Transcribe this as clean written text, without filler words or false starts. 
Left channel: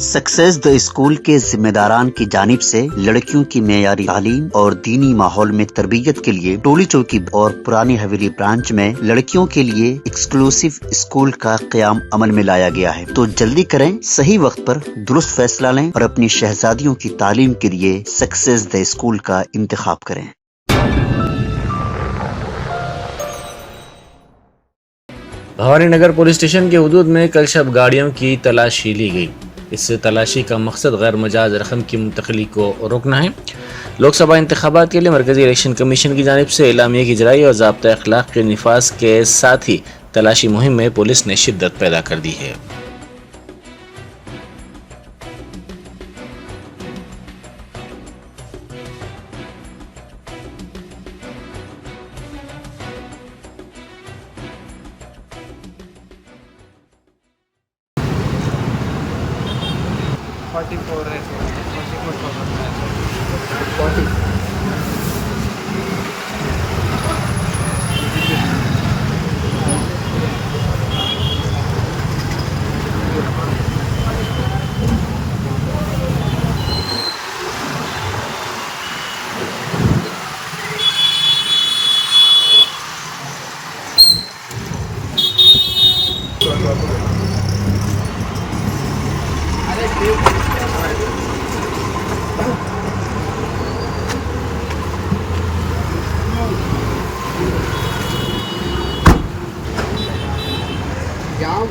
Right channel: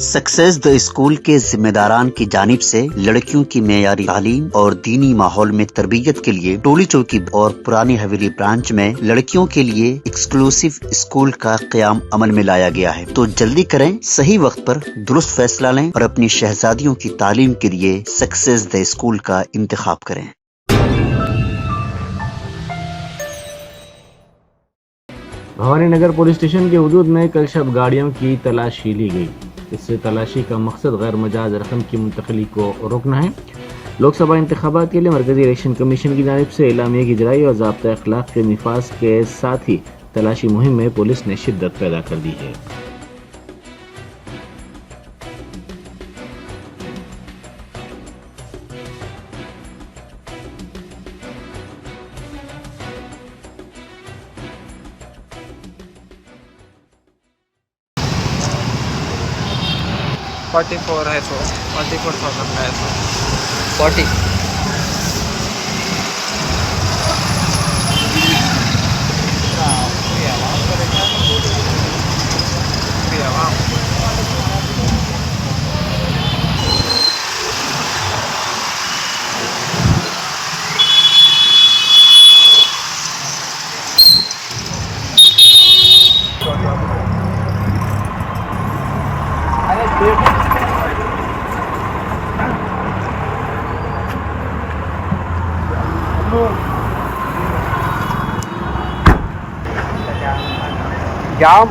Success the school के जिम्मेदारान की जानिब से लड़कियों की मेयारी तालीम और दीनी माहौल में तरबियत के लिए टोली चौकी और पुरानी हवेली ब्रांच में लड़कियों के लिए एक्सक्लूसिव स्कूल का क़याम अमल में लाया गया है। तो जल्दी करें, सही वक्त पर दुरुस्त फैसला लें और अपनी शहजादियों की तालीम के लिए सक्सेस द स्कूल का इंतखाब करें। भवानी नगर पुलिस स्टेशन के हुदूद में कल शब गाड़ियों की तलाशी ली गई। इस तलाशी का मकसद गैर मजाज रकम की मुंतकली को रोकना है। लोकसभा इंतखाबात के लिए मरकजी इलेक्शन कमीशन की जानिब से एलामिया की इजराई और ज़ाब्ता अखलाक के निफाज के साथ ही तलाशी मुहिम में पुलिस ने शिद्दत पैदा कर दी है। फोर्टी फोर है, 44 है, 40 जाम